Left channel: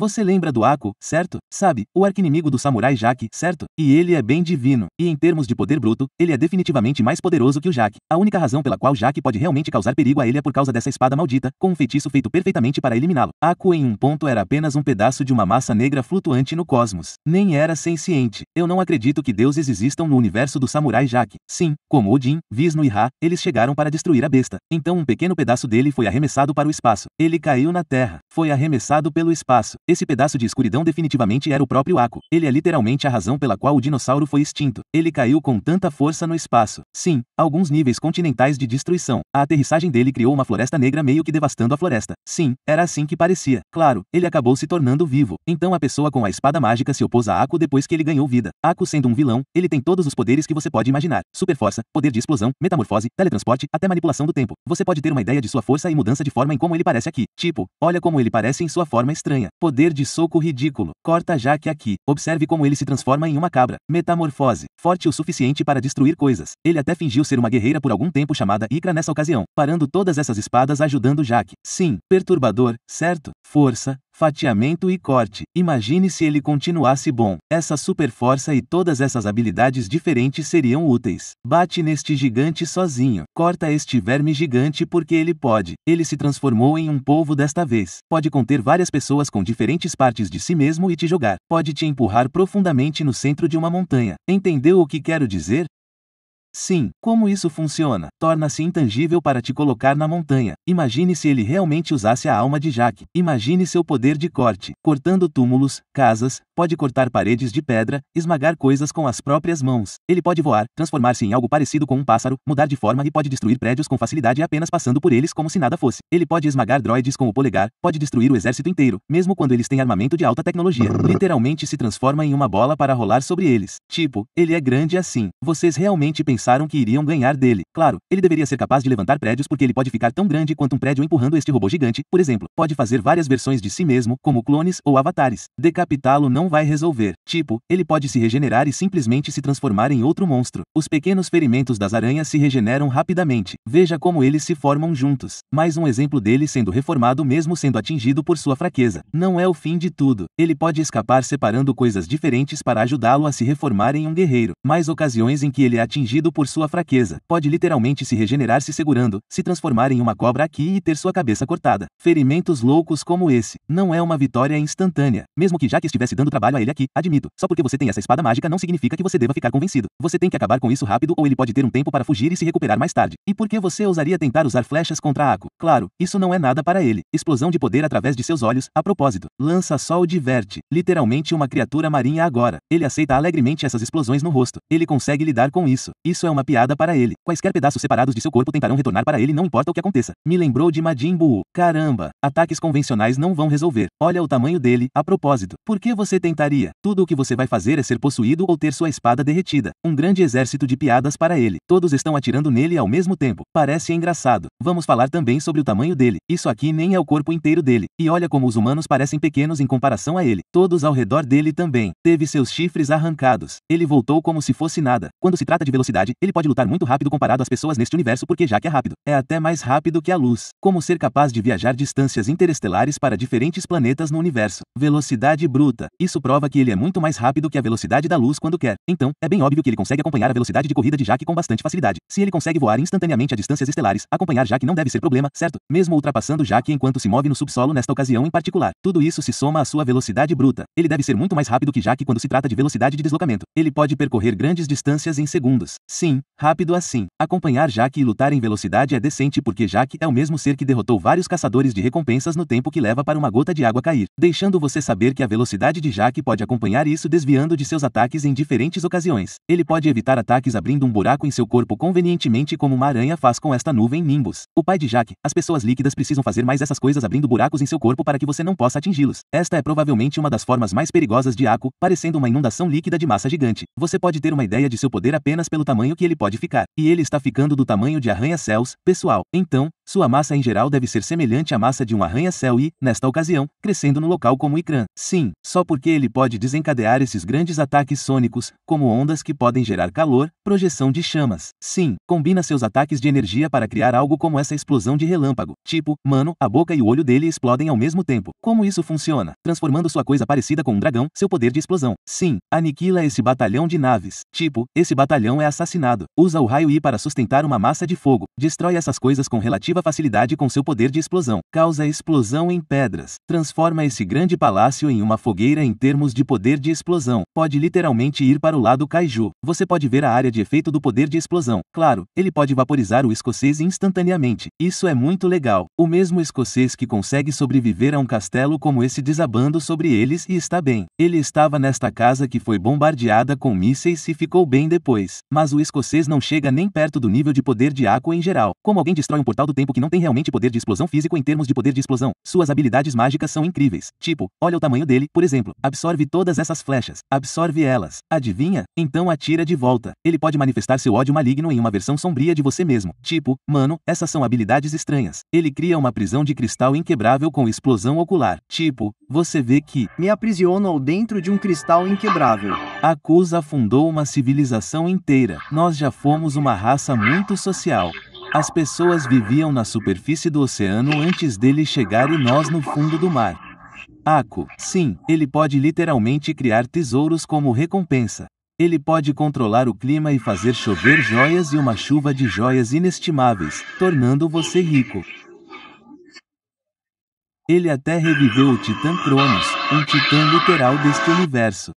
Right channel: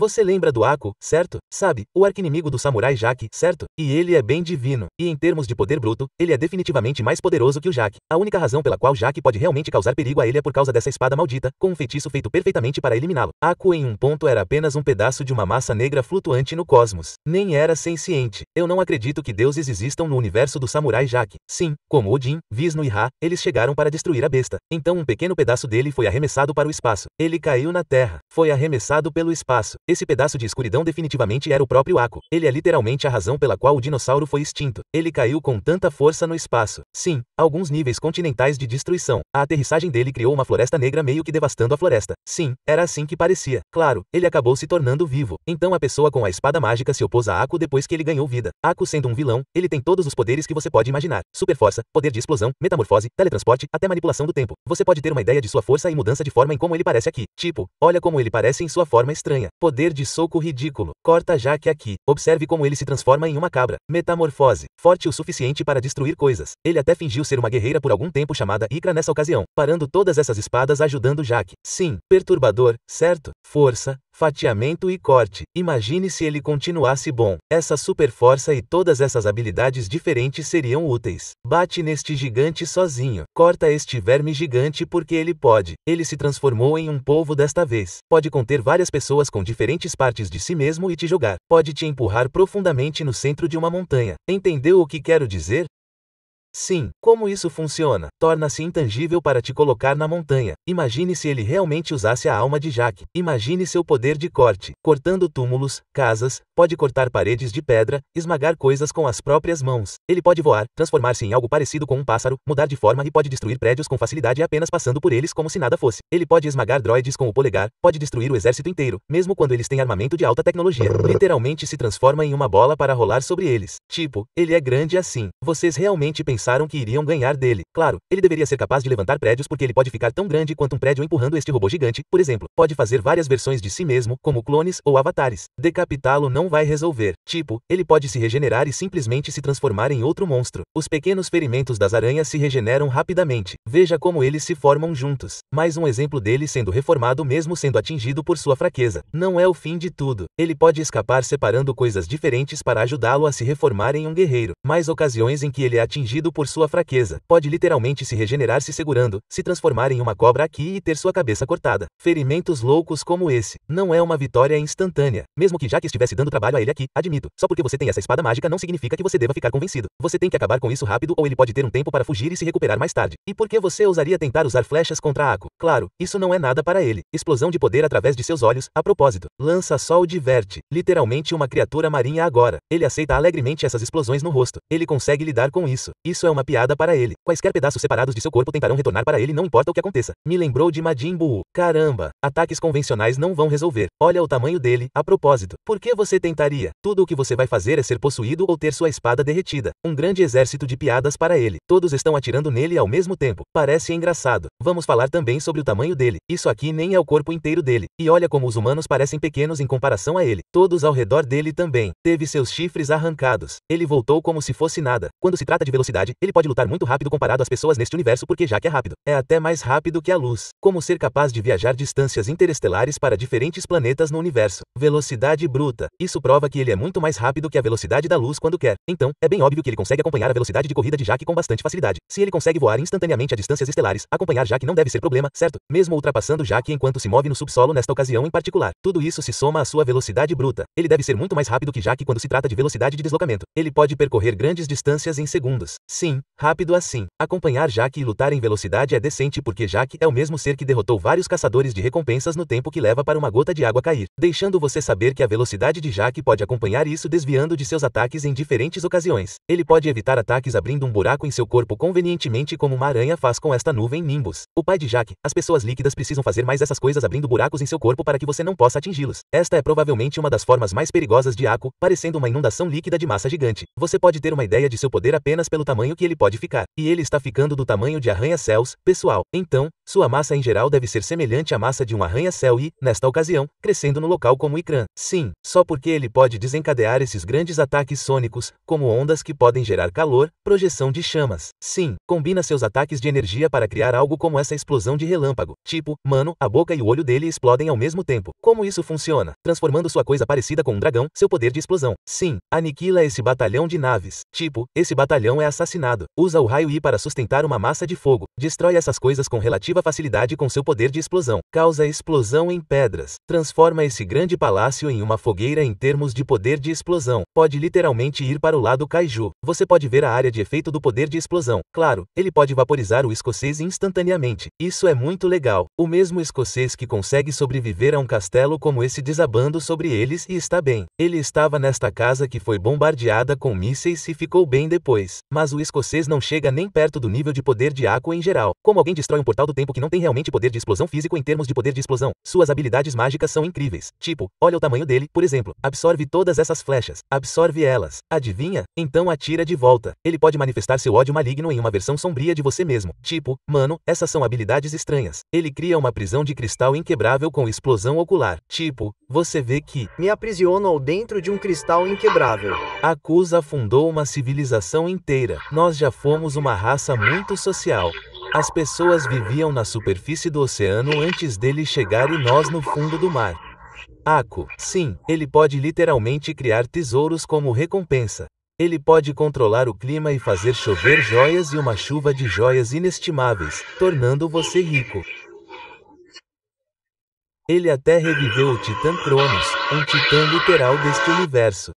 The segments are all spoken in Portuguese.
Você lembra do Aku, certo? Sabe, o arqui-inimigo do samurai Jaque, certo? E ele é bem divino. E em termos de poder bruto, ele é definitivamente mais poderoso que o Jaque. A única razão pela qual Jaque pode realmente causar perigo a ele é por causa dessa espada maldita, com um feitiço feito perfeitamente para eliminá-lo. Aku em um ponto era apenas um pedaço de uma massa negra flutuante no cosmos. Nem era senciente. Eu não acredito que deuses existam no universo do samurai Jaque. Sim, como Odin, Vishnu e Ra, eles chegaram para destruir a besta. Então um pequeno pedaço dele foi arremessado para o espaço. Ele caiu na terra. Foi arremessado pelo espaço. Esse pedaço de escuridão definitivamente era o próprio Aku. Ele é literalmente a razão pela qual o dinossauro foi extinto. Ele caiu com tanta força no espaço. Sim, alguns níveis continentais de destruição. A aterrissagem dele criou uma floresta negra meio que devastando a floresta. Sim, era assim que parecia. Claro, ele acabou se tornando vivo. Então a pessoa com a espada mágica se opôs a Aku depois que ele ganhou vida. Aku sendo um vilão, ele tem todos os poderes que você pode imaginar. Super força, poder de explosão, metamorfose, teletransporte, até manipulação do tempo. Você pode ter uma ideia de sua força e mudança de forma em como ele parece aqui. Tipo, olha como ele parece em sua forma estranha. Poder de soco ridículo. Corta Jaque aqui. Observe como ele se transforma em uma cabra. Metamorfose. Forte o suficiente para destruir coisas. Ele até fingiu ser uma guerreira por algum tempo chamada Ikra nessa ocasião, parando todas essas espadas ajudando Jaque. Sim, perturbador, certo? Força, fatiamento e corte. Imagine se ele continuasse bom. Essa super força e todas essas habilidades diferentes seriam úteis. Bate neste gigante sozinho. Corta este verme gigante porque ele pode. Ele se transformou em um polvo desta vez. Pode conter várias pessoas com diferentes partes de si mesmo e te jogar. Pode te empurrar profundamente no centro de uma montanha. Entendeu o que quero dizer? Sim, como isso funciona? Torna-se intangível para te colocar na montanha. Imagine se ele realmente usasse a alma de Jaque. Imagine seu poder de corte. Cortando túmulos, casas, pode cortar paredes de pedra, esmagar coisas com as próprias mãos. Ele pode voar, transformar-se em algo parecido com um pássaro, mudar de forma e pode destruir prédios com facilidade apenas passando por eles como se nada fosse. Ele pode esmagar droides com o polegar, pode destruir o exército inteiro, mesmo quando eles têm armamento de alta tecnologia. Literalmente se transforma em uma bola para rolar sobre eles. Tipo, ele é grande assim. Vocês realmente pensaram que iriam ganhar dele. Claro, ele deveria ser capaz de levantar prédios porque ele pode ficar tão grande quanto um prédio empurrando este robô gigante, por exemplo. Pode fazer várias versões de si mesmo, como clones ou avatares. Decapitá-lo não vai resolver. Tipo, ele pode se regenerar e simplesmente se transformar em outro monstro. Os pequenos ferimentos das aranhas se regeneram rapidamente. Veja como eles se formam juntos. Mais um exemplo dele sendo reformado mesmo sendo atingido por sua fraqueza. Não é o fim de tudo. Ele pode escapar separando coisas diferentes para ajudá-lo a se reformar em um guerreiro. Mais ocasiões em que ele é atingido por sua fraqueza. Pode literalmente se regenerar se segurando, se transformar em uma cobra aqui e ter sua cabeça cortada. Ferimentos loucos como esse. Não é uma vitória instantânea. Mesmo que Jaque estivesse dando trabalho a ele aqui, admito. Só porque você tem essa espada mágica não significa que você deva ficar convencido. Você tem que acabar com isso rápido ou ele pode ter um tempo para fugir e se recuperar mais tarde. E por que você ousaria tentar usar flechas contra Aku? Claro, isso não é nada para ele. Explosão de poder através de seus olhos, a propósito. Lança-sol diverte. Literalmente uma criatura marinha agora. Ele aceita alegremente essas explosões no rosto. Ele consegue lidar com isso. Isso é uma piada para ele. Quaisquer pedaços separados de seu corpo tentarão retornar para ele não importa o que aconteça. Me lembrou de Majin Buu. Caramba, ataques convencionais não vão resolver. Olha o tamanho dele, a propósito. Por que você tentaria? Tudo o que você vai fazer é ser possuído ou ter sua espada derretida. Um grande exército de piadas para ele. Todos estão atirando nele ao mesmo tempo. Parece engraçado. Vamos falar também sobre o tamanho dele. Isso aqui nem é o corpo inteiro dele. E olha como os humanos parecem pequenos em comparação a ele. Todos ao redor dele também. Teve seus chifres arrancados. Ele voltou como se fosse nada. Quando se trata de velocidade, ele pode lutar muito rápido comparado às pessoas neste universo porque Jaque é rápido. É até mais rápido que a luz. Como ser capaz de viajar distâncias interestelares para diferentes planetas no universo. Velocidade bruta. Isso prova que ele é muito mais rápido que a velocidade da luz quando quer. Então, é bem óbvio que ele consegue acompanhar a velocidade de corrida de Jaque com bastante facilidade. Se ele consegue voar instantaneamente a distâncias estelares, acompanhar Jaque não deve ser problema, certo? Mesmo ultrapassando Jaque enquanto se move no subsolo nesta ocasião em particular. Tudo isso se soma à sua velocidade bruta. Ele deve ser muito mais rápido que Jaque quando se trata de velocidade de deslocamento. Ele pode percorrer grandes distâncias em segundos. Sim, rápido assim. Acompanhar Jaque e lutar em velocidade é decente porque Jaque é o mesmo ser que derrotou vários caçadores de recompensas no tempo que leva para uma gota de água cair, deixando você saber que a velocidade de Jaque pode acompanhar isso desviando de seus ataques em diferentes ocasiões. Ele pode evitar ataques abrindo um buraco em seu corpo convenientemente como uma aranha faz com esta nuvem Nimbus. O pai de Jaque, as pessoas líquidas precisam fazer mais essas coisas abrindo buracos em seu corpo para que você não possa atingi-los. Esta é provavelmente uma das formas mais perigosas de Aku, parecendo uma inundação líquida de massa gigante. Você pode ter uma ideia de seu poder apenas pelo tamanho que ele pode ficar. E ele está ficando do tamanho de arranha-céus, pessoal. Então, Sua massa em geral deve ser semelhante à massa de um arranha-céu e, nesta ocasião, crescendo no local como Ikran. Sim, só porque ele pode desencadear esses grandes ataques sônicos, como ondas que podem gerar calor, projeção de chamas. Sim, combina seus ataques de energia para criar algo como essa explosão de relâmpago. Tipo, mano, a boca e o olho dele explodem ao mesmo tempo. Como isso funciona? Transformando sua coisa parecida com um dragão, seu poder de explosão. Sim, aniquila esse batalhão de naves. Tipo, esse batalhão é assassinado. Usa o raio I para sustentar uma massa de fogo. Destrói essas coisas com relativa facilidade com seu poder de explosão. Causa explosão em pedras. Transforma esse grande palácio em uma fogueira em termos de poder de explosão. Pode literalmente ir para o lado kaiju. Você pode ver a área de efeito do poder de explosão. Claro, ele pode vaporizar o escocês instantaneamente. Isso é muito legal. O mesmo escocês que consegue sobreviver a um castelo como esse desabando sobre eles e está bem. Ele estava nesta casa que foi bombardeada com mísseis e ficou bem depois. Mas o escocês não chega nem perto do nível de poder de Aqua em geral. Como alguém destrói um portal do tempo que não tem realmente poder de explosão físico em termos de poder de explosão? Suas habilidades mágicas são incríveis. Tipo, olha o tamanho dele, por exemplo. Absorve todas essas flechas. Absorve elas. Adivinha? Então atira de volta. Ele pode manifestar seu ódio maligno em uma versão sombria de você mesmo. Tipo, mano, essas são habilidades estranhas. Ele cria uma prisão de cristal inquebrável com explosão ocular. Tipo, você vê que me aprisiono dentro de um cristal inquebrável. Akusa fundou uma civilização inteira. Nós já fomos uma raça muito social. As pessoas viviam na superfície do oceano antes dele chegar e nós no fundo do mar. Aku, sim, ele pode literalmente criar tesouros como recompensa. Ele pode controlar o clima e fazer chover joias e uma chuva de joias inestimáveis, tornando você rico. Ele até reviveu o Titã Cronos, um titã literal deste universo.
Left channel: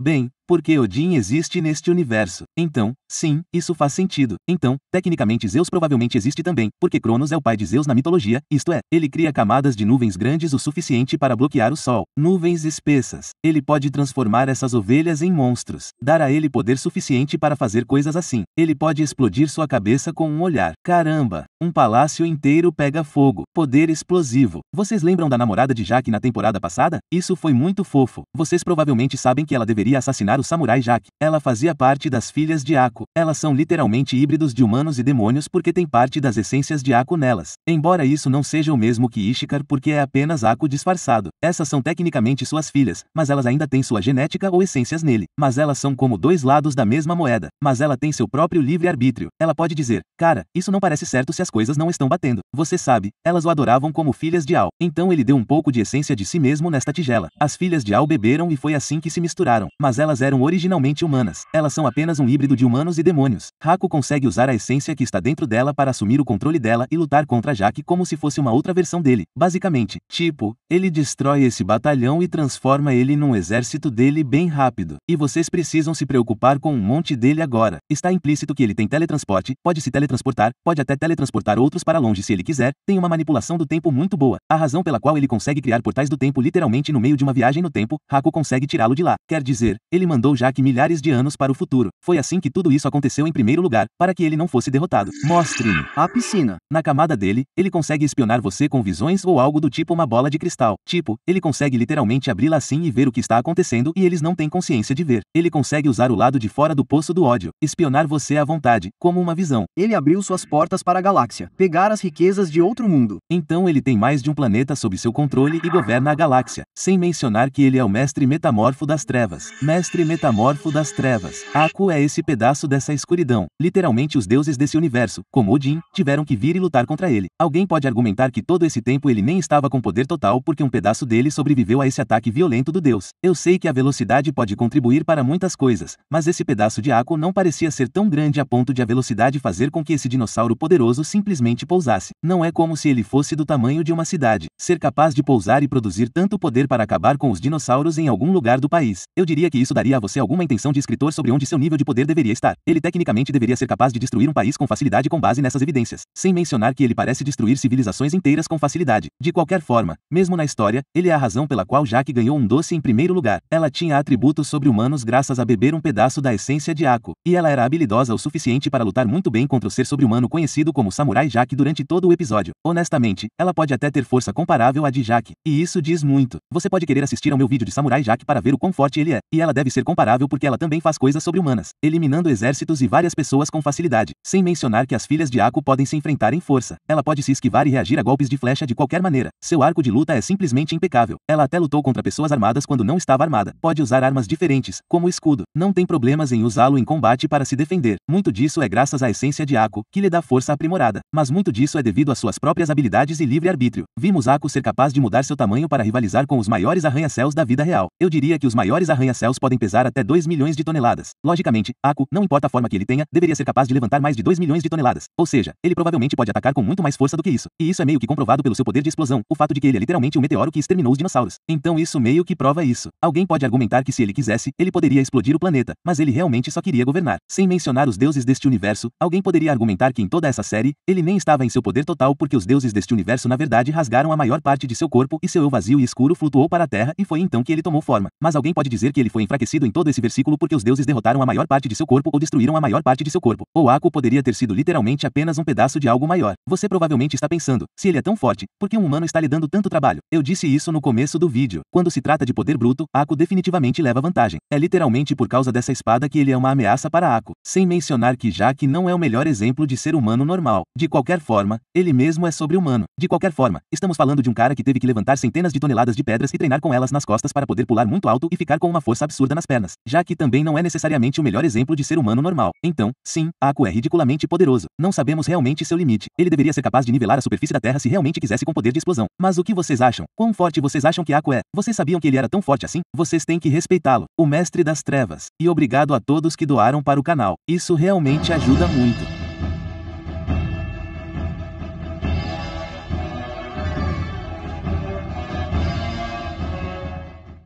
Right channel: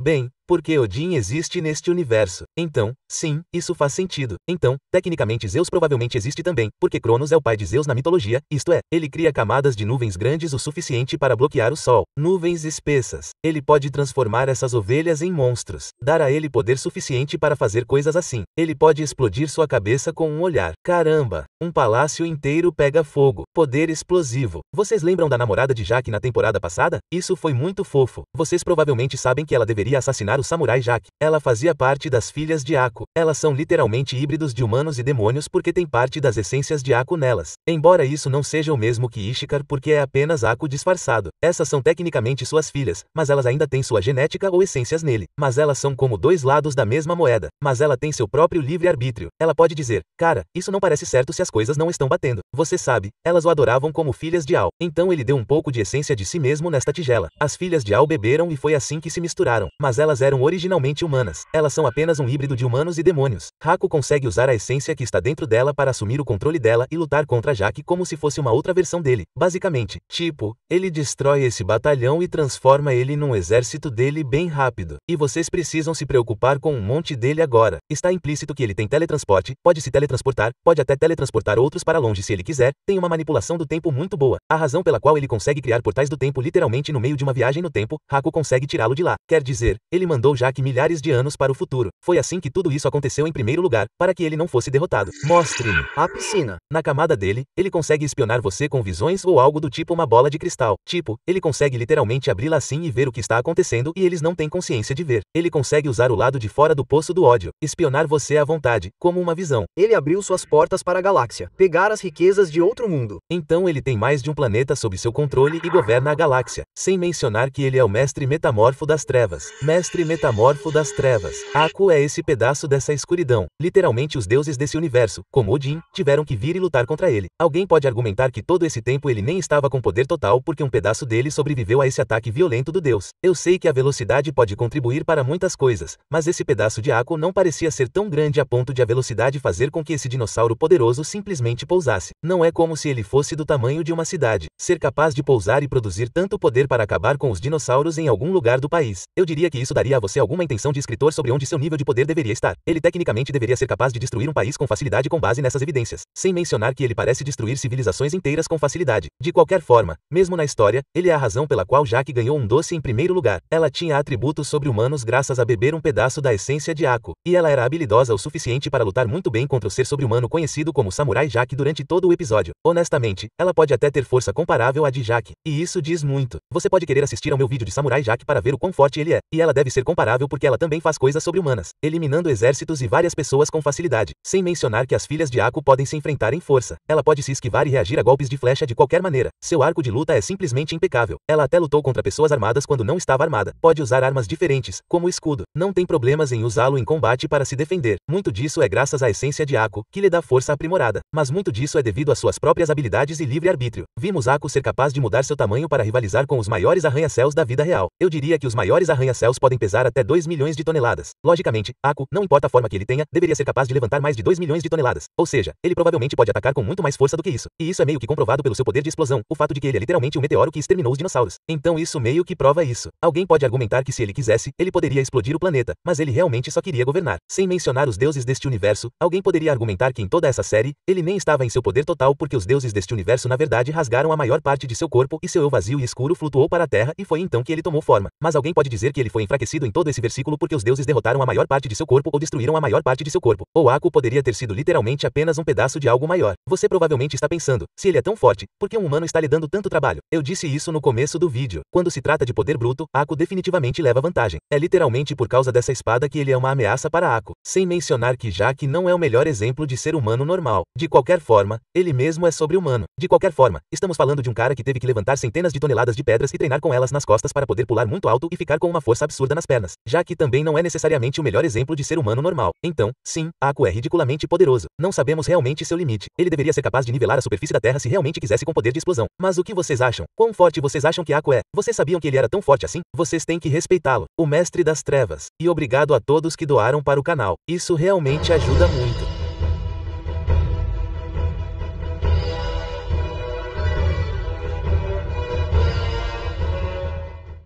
Bem, porque Odin existe neste universo. Então, sim, isso faz sentido. Então, tecnicamente Zeus provavelmente existe também, porque Cronos é o pai de Zeus na mitologia, isto é, ele cria camadas de nuvens grandes o suficiente para bloquear o sol. Nuvens espessas. Ele pode transformar essas ovelhas em monstros. Dar a ele poder suficiente para fazer coisas assim. Ele pode explodir sua cabeça com um olhar. Caramba, um palácio inteiro pega fogo. Poder explosivo. Vocês lembram da namorada de Jaque na temporada passada? Isso foi muito fofo. Vocês provavelmente sabem que ela deveria assassinar o samurai Jaque. Ela fazia parte das filhas de Aku. Elas são literalmente híbridos de humanos e demônios porque tem parte das essências de Aku nelas. Embora isso não seja o mesmo que Ishikar porque é apenas Aku disfarçado. Essas são tecnicamente suas filhas, mas elas ainda têm sua genética ou essências nele. Mas elas são como dois lados da mesma moeda. Mas ela tem seu próprio livre-arbítrio. Ela pode dizer, cara, isso não parece certo se as coisas não estão batendo. Você sabe, elas o adoravam como filhas de Al. Então ele deu um pouco de essência de si mesmo nesta tigela. As filhas de Al beberam e foi assim que se misturaram. Mas elas eram originalmente humanas. Elas são apenas um híbrido de humanos e demônios. Haku consegue usar a essência que está dentro dela para assumir o controle dela e lutar contra Jaque como se fosse uma outra versão dele. Basicamente, tipo, ele destrói esse batalhão e transforma ele num exército dele bem rápido. E vocês precisam se preocupar com um monte dele agora. Está implícito que ele tem teletransporte, pode se teletransportar, pode até teletransportar outros para longe se ele quiser, tem uma manipulação do tempo muito boa. A razão pela qual ele consegue criar portais do tempo literalmente no meio de uma viagem no tempo, Haku consegue tirá-lo de lá. Quer dizer, ele mandou Jaque milhares de anos para o futuro. Foi assim que tudo isso aconteceu em primeiro lugar, para que ele não fosse derrotado. Mostre-me a piscina. Na camada dele, ele consegue espionar você com visões ou algo do tipo uma bola de cristal. Tipo, ele consegue literalmente abri-la assim e ver o que está acontecendo e eles não têm consciência de ver. Ele consegue usar o lado de fora do poço do ódio, espionar você à vontade, como uma visão. Ele abriu suas portas para a galáxia, pegar as riquezas de outro mundo. Então ele tem mais de um planeta sob seu controle e governa a galáxia, sem mencionar que ele é o mestre metamorfo das trevas. Mestre metamorfo das trevas. Aku é esse pedaço dessa escuridão. Literalmente os deuses desse universo, como Odin, tiveram que vir e lutar contra ele. Alguém pode argumentar que todo esse tempo ele nem estava com poder total porque um pedaço dele sobreviveu a esse ataque violento do deus. Eu sei que a velocidade pode contribuir para muitas coisas, mas esse pedaço de Aku não parecia ser tão grande a ponto de a velocidade fazer com que esse dinossauro poderoso simplesmente pousasse. Não é como se ele fosse do tamanho de uma cidade. Ser capaz de pousar e produzir tanto poder para acabar com os dinossauros em algum lugar do país. Eu diria que isso daria a você alguma intenção de escritor sobre onde seu nível de poder deveria estar. Ele tecnicamente deveria ser capaz de destruir um país com facilidade com base nessas evidências. Sem mencionar que ele parece destruir civilizações inteiras com facilidade. De qualquer forma, mesmo na história, ele é a razão pela qual Jaque ganhou um doce em primeiro lugar. Ela tinha atributos sobre-humanos graças a beber um pedaço da essência de Aku. E ela era habilidosa o suficiente para lutar muito bem contra o ser sobre-humano conhecido como Samurai Jaque durante todo o episódio. Honestamente, ela pode até ter força comparável à de Jaque. E isso diz muito. Você pode querer assistir ao meu vídeo de Samurai Jaque para ver o quão forte ele é. E ela deve ser ser comparável porque ela também faz coisas sobre-humanas, eliminando exércitos e várias pessoas com facilidade, sem mencionar que as filhas de Aku podem se enfrentar em força. Ela pode se esquivar e reagir a golpes de flecha de qualquer maneira. Seu arco de luta é simplesmente impecável. Ela até lutou contra pessoas armadas quando não estava armada. Pode usar armas diferentes, como o escudo. Não tem problemas em usá-lo em combate para se defender. Muito disso é graças à essência de Aku, que lhe dá força aprimorada. Mas muito disso é devido às suas próprias habilidades e livre-arbítrio. Vimos Aku ser capaz de mudar seu tamanho para rivalizar com os maiores arranha-céus da vida real. Eu diria que os maiores arranha-céus podem pesar até 2 milhões de toneladas. Logicamente, Aku, não importa a forma que ele tenha, deveria ser capaz de levantar mais de 2 milhões de toneladas. Ou seja, ele provavelmente pode atacar com muito mais força do que isso. E isso é meio que comprovado pelo seu poder de explosão, o fato de que ele é literalmente um meteoro que exterminou os dinossauros. Então isso meio que prova isso. Alguém pode argumentar que se ele quisesse, ele poderia explodir o planeta, mas ele realmente só queria governar. Sem mencionar os deuses deste universo, alguém poderia argumentar que em toda essa série, ele nem estava em seu poder total porque os deuses deste universo na verdade rasgaram a maior parte de seu corpo e seu eu vazio e escuro flutuou para a terra e foi então que ele tomou forma. Mas alguém pode dizer que ele foi enfraquecido em todo esse versículo porque os deuses derrotaram a maior parte de seu corpo ou destruíram a maior parte de seu corpo. Ou Aku poderia ter sido literalmente apenas um pedaço de algo maior. Você provavelmente está pensando, se ele é tão forte, por que um humano está lhe dando tanto trabalho? Eu disse isso no começo do vídeo. Quando se trata de poder bruto, Aku definitivamente leva vantagem. É literalmente por causa dessa espada que ele é uma ameaça para Aku. Sem mencionar que Jaqui não é o melhor exemplo de ser humano normal. De qualquer forma, ele mesmo é sobre-humano. De qualquer forma, estamos falando de um cara que teve que levantar centenas de toneladas de pedras e treinar com elas nas costas para poder pular muito alto e ficar com uma força absurda nas pernas. Jaqui também não é necessariamente o melhor exemplo de ser humano normal. Então, sim, Aku é ridiculamente poderoso. Não sabemos realmente seu limite. Ele deveria ser capaz de nivelar a superfície da Terra se realmente quisesse com poder de explosão. Mas o que vocês acham? Quão forte vocês acham que Aku é? Vocês sabiam que ele era tão forte assim? Vocês têm que respeitá-lo. O mestre das trevas. E obrigado a todos que doaram para o canal. Isso realmente ajuda muito.